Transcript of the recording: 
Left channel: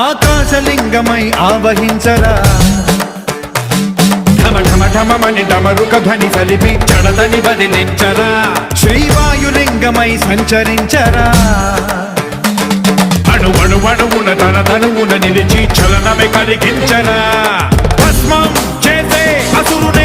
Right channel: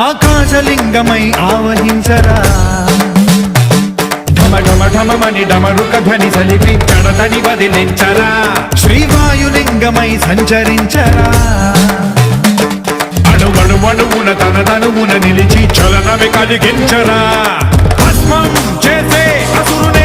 ఆకాశలింగమై ఆవహించరా ఢమఢమఢమని డమరుక ధ్వని సలిపి జడదని వదిలించరా శ్రీవాయులింగమై సంచరించరా అణువణువున తన తనువున నిలిచి చలనమే కలిగించరా భస్మం చేసే అసురుని